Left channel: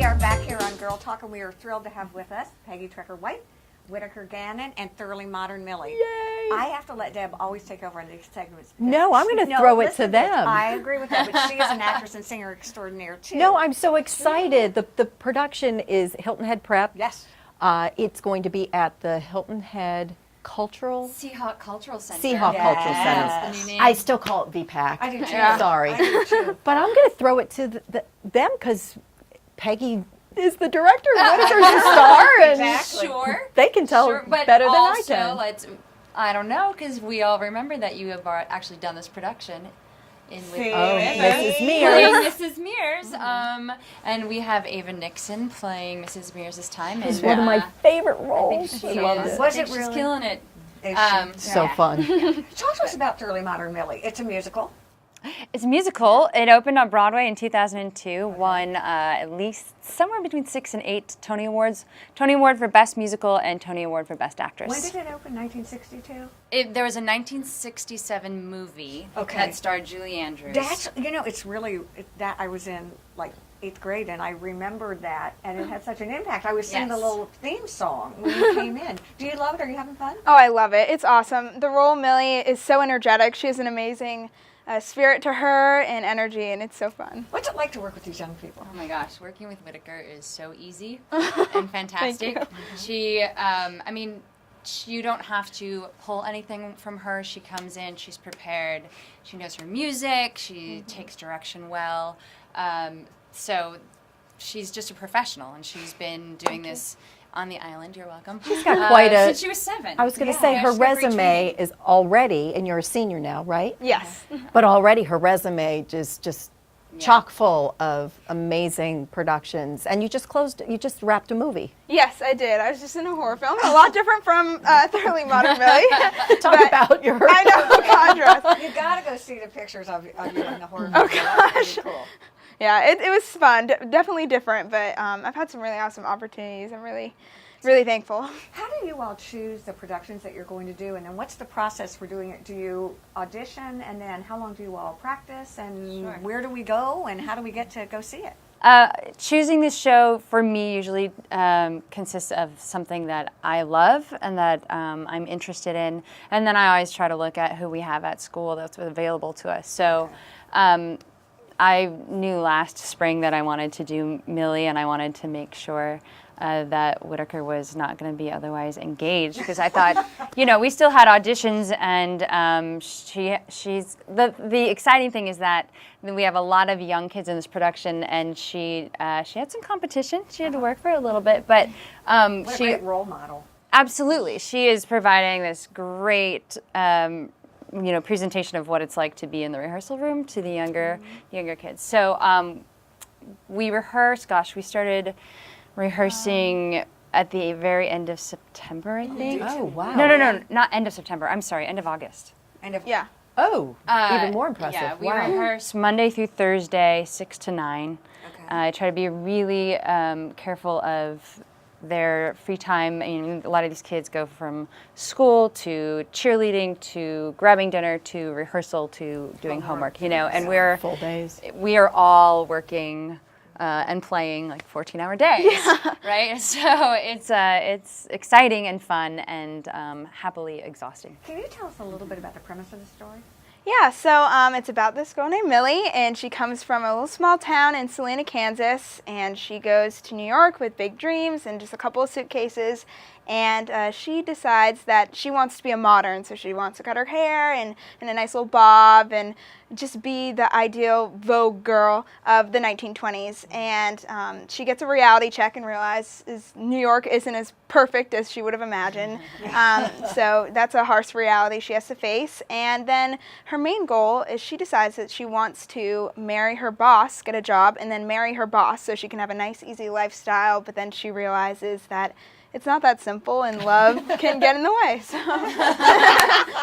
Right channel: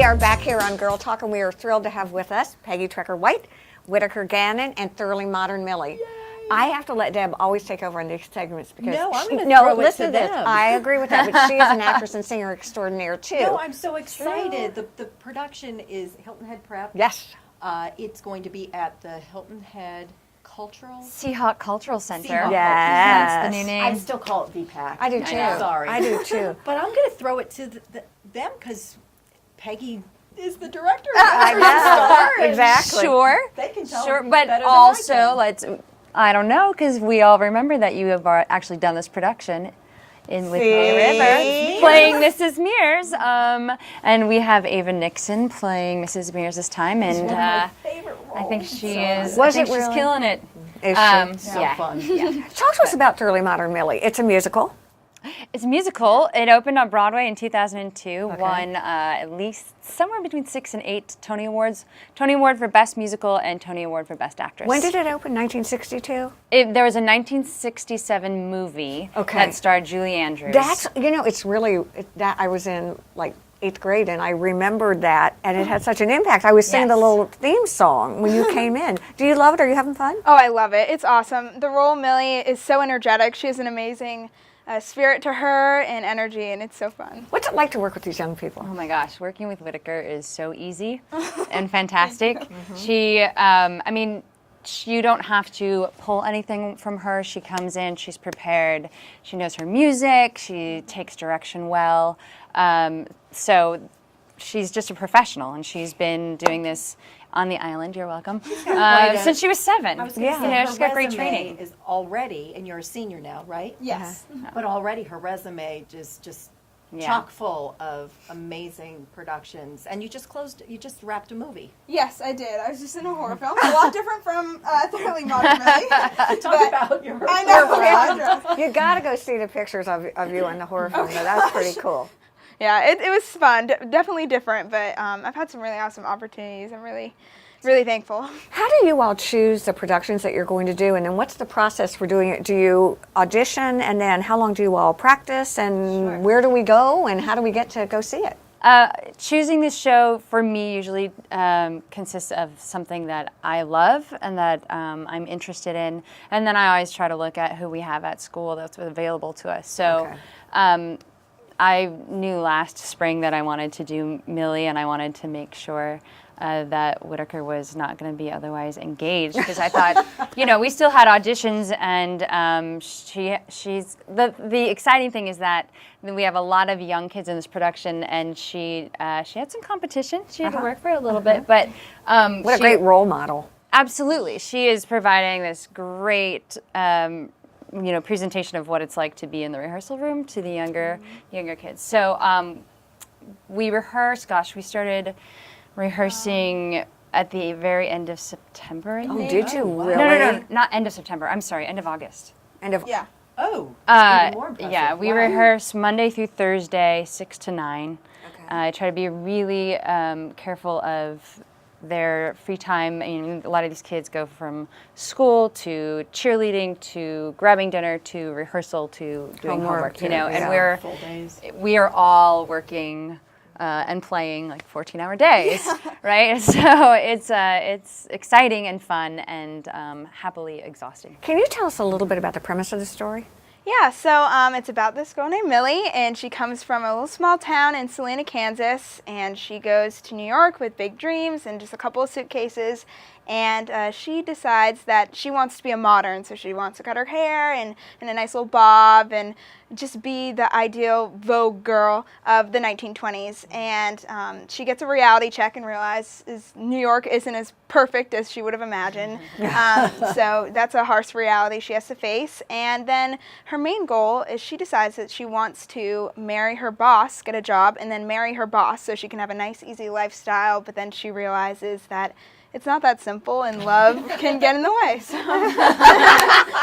We are back here on Girl Talk, and we are thrilled to have with us Peggy Trecker-White, Whitaker Gannon, and Thoroughly Modern Millie. Yay! I have to let Deb always take over in these segments because No, I'm going to throw it to them. I agree with that, but she is an actress and singer extraordinaire too. No, I'm so excited. The production is Hilton Head Prep. Yes. It's going to be at the Hilton Head Seahawk Cultural Center. Seahawk Yes. Cultural Center. The new name. I still call it VPAC. I do too. Sorry. I do too. But I'm going to throw it to them because Peggy is the director. I She's know. the star. and Exactly. Sure. They can tell Sure, but better than also, I can. I don't know, because we all remember that you have actually done this production with See? playing Mrs. Mears, and we have Ava Nixon playing Mrs. Mears this time, and It's one of my favorite roles. I think she is. Was I think it she's really? killing it. Is she? So Yeah. fun. Talk to us about Thoroughly Modern Millie. It's a musical. It's a musical. It opened on Broadway in 2002, won at least somewhere between 6 and 8 Tony Awards. Tony Award for Best Musical and Tony Award for Best Actress. When did it open? 1962? There was a 1967 movie Okay. that starred Julie Andrews. That's, it's really, that I was in like 8th grade and I remembered that and it had such an impact. I was singing the Yes. little theme song when you came in. Do you love it? Are you having fun? Oh, I love it. It's awesome. The role Millie is so energetic. She has an amazing spirit to her and energy, and it's so fun. What's it like to work with these young people? Oh my gosh, working with Whitaker is so easy and fantastic. She, I mean, you don't have to pull anything from her. She comes in, she's prepared, she knows her music, she takes direction well. So she's just a professional, and she's been doing this on the island. You're welcome. She's got quite a, since she was 7. I was going to Yeah. say, Yeah, her she's got great resume training. is already, and you're a senior now, right? Yes. But already her resume is just Yeah. chock full of amazing productions. And you just wrapped a movie. Yes, I did. I was just in a horror film. A lot different from Thoroughly Modern Millie. Talk about your I know, yeah, dress. You got to go see the pictures of you in the horror film. That was pretty cool. Yeah, it was fun. Definitely different, but I've had some really awesome opportunities. I'm really thankful. How do you all choose the productions that you're going to do, and then what's the process for doing it? Do you audition, and then how long do you all practice, and where do we go, and how do we get to go see it? Choosing this show for me usually consists of something that I love and that I'm interested in, and then I always try to look at who we have at school that's available to us. So I knew last spring that I wanted to do Millie, and I wanted to make sure that Whitaker was not going to be otherwise engaged, because I thought, we still had auditions, and she's the exciting thing is that we have a lot of young kids in this production, and she had some competition. She had to work for it a little bit, but What a great role model. absolutely, she is providing this great presentation of what it's like to be in the rehearsal room to the younger kids. So we rehearsed. Gosh, we started rehearsing at the very end of September, I think. Did you? No, no, not end of September. I'm sorry, end of August. And if, Yeah. Oh, even more impressive. Yeah, we Wow. rehearse Monday through Thursday, 6 to 9. Okay. I try to be really careful of their free time. I mean, a lot of these kids go from school to cheerleading to grabbing dinner to rehearsal to doing homework, and yeah. Full days. we are all working and playing like 14-hour days, right? So it's exciting and fun and happily exhausting. Can you tell us a little bit about the premise of the story? Yeah, so it's about this girl named Millie, and she comes from a little small town in Salina, Kansas, and she goes to New York with big dreams and just a couple of suitcases, and she decides that she wants to be a modern, so she wants to cut her hair and a nice little bob and just be the ideal Vogue girl of the 1920s, and she gets a reality check and realizes New York isn't as perfect as she would have imagined, so that's a harsh reality she has to face, and then her main goal is she decides that she wants to marry her boss, get a job, and then marry her boss so she can have a nice, easy lifestyle, but then she realizes that it's not that simple, and love can get in the way. So.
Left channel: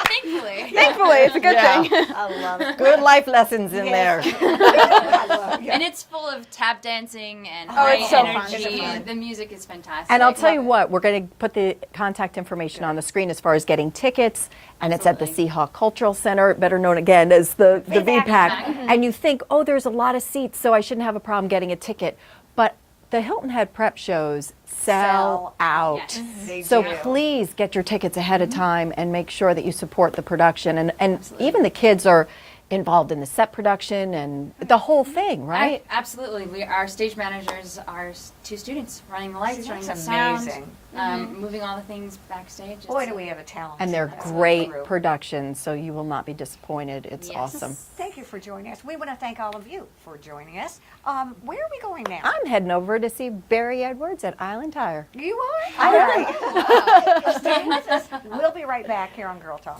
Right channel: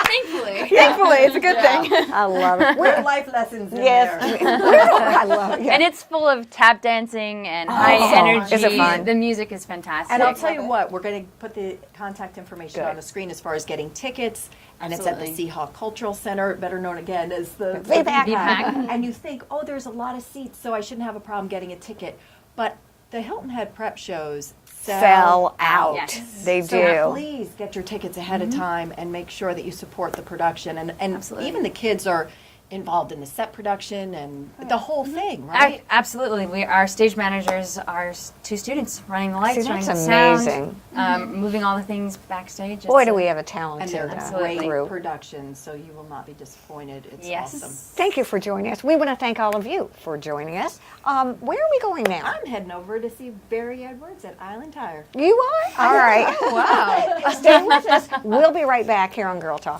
Thankfully, it's a good thing. I love it. Good life lessons in there. I love it. And it's full of tap dancing and high energy. Is it fun? The music is fantastic. And I'll tell you what, we're going to put the contact information on the screen as far as getting tickets, and it's at the Seahawk Cultural Center, better known again as the VPAC. And you think, oh, there's a lot of seats, so I shouldn't have a problem getting a ticket. But The Hilton Head prep shows Sell out. Yes. They So do. please get your tickets ahead of time and make sure that you support the production. And even the kids are involved in the set production and the whole thing, right? Absolutely. Our stage managers are two students running the lights, See, running that's the sound, amazing. moving all the things backstage. Boy, It's do a- we have a talent. And they're in great group. productions, so you will not be disappointed. It's Yes. awesome. Thank you for joining us. We want to thank all of you for joining us. Where are we going now? I'm heading over to see Barry Edwards at Island Tire. You are? All right. Wow. Stay with us. We'll be right back here on Girl Talk.